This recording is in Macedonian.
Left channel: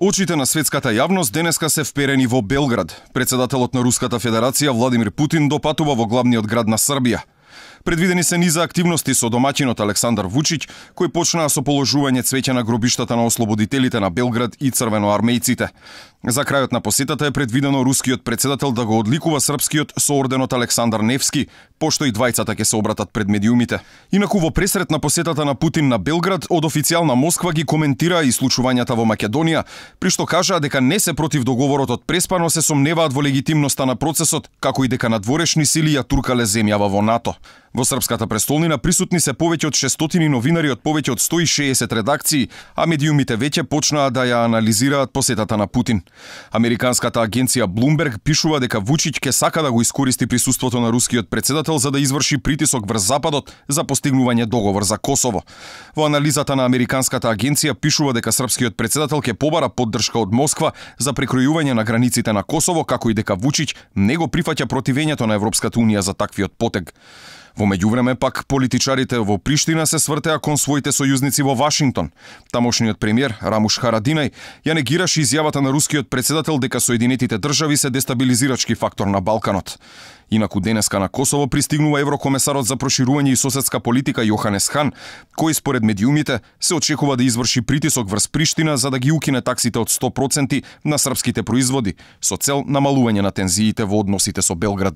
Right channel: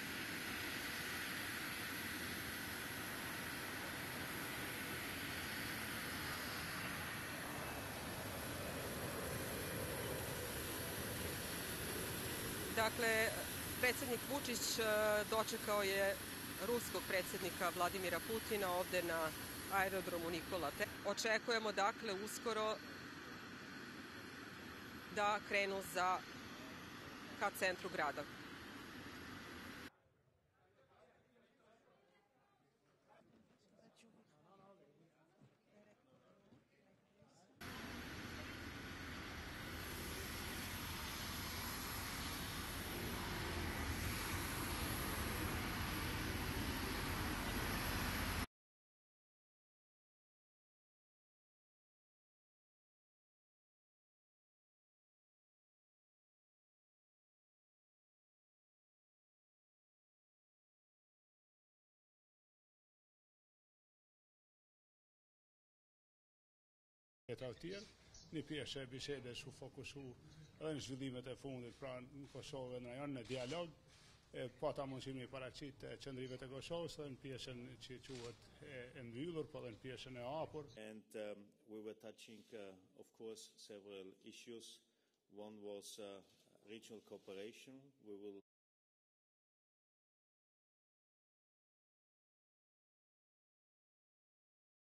Очите на светската јавност денеска се вперени во Белград. Председателот на Руската Федерација Владимир Путин допатува во главниот град на Србија. Предвидени се низа активности со домаќинот Александар Вучиќ, кој почнаа со положување цвеќе на гробиштата на ослободителите на Белград и црвеноармејците. За крајот на посетата е предвидено рускиот председател да го одликува српскиот со орденот Александар Невски, пошто и двајцата ќе се обратат пред медиумите. Инаку во пресрет на посетата на Путин на Белград, од официјална Москва ги коментираа и случувањата во Македонија, при што кажаа дека не се против договорот од Преспа, се сомневаат во легитимноста на процесот, како и дека надворешни сили ја туркале земјава во НАТО. Во српската престолнина присутни се повеќе од 600 новинари од повеќе од 160 редакции, а медиумите веќе почнаа да ја анализираат посетата на Путин. Американската агенција Bloomberg пишува дека Вучиќ ќе сака да го искористи присуството на рускиот председател за да изврши притисок врз Западот за постигнување договор за Косово. Во анализата на американската агенција пишува дека српскиот председател ќе побара поддршка од Москва за прекројување на границите на Косово, како и дека Вучиќ не го прифаќа противењето на Европската унија за таквиот потег. Во меѓувреме пак политичарите во Приштина се свртеа кон своите сојузници во Вашингтон. Тамошниот премиер Рамуш Харадинај ја негираше изјавата на рускиот председател дека Соединетите држави се дестабилизирачки фактор на Балканот. Инаку денеска на Косово пристигнува еврокомесарот за проширување и соседска политика Јоханес Хан, кој според медиумите се очекува да изврши притисок врз Приштина за да ги укине таксите од 100% на српските производи, со цел намалување на тензиите во односите со Белград.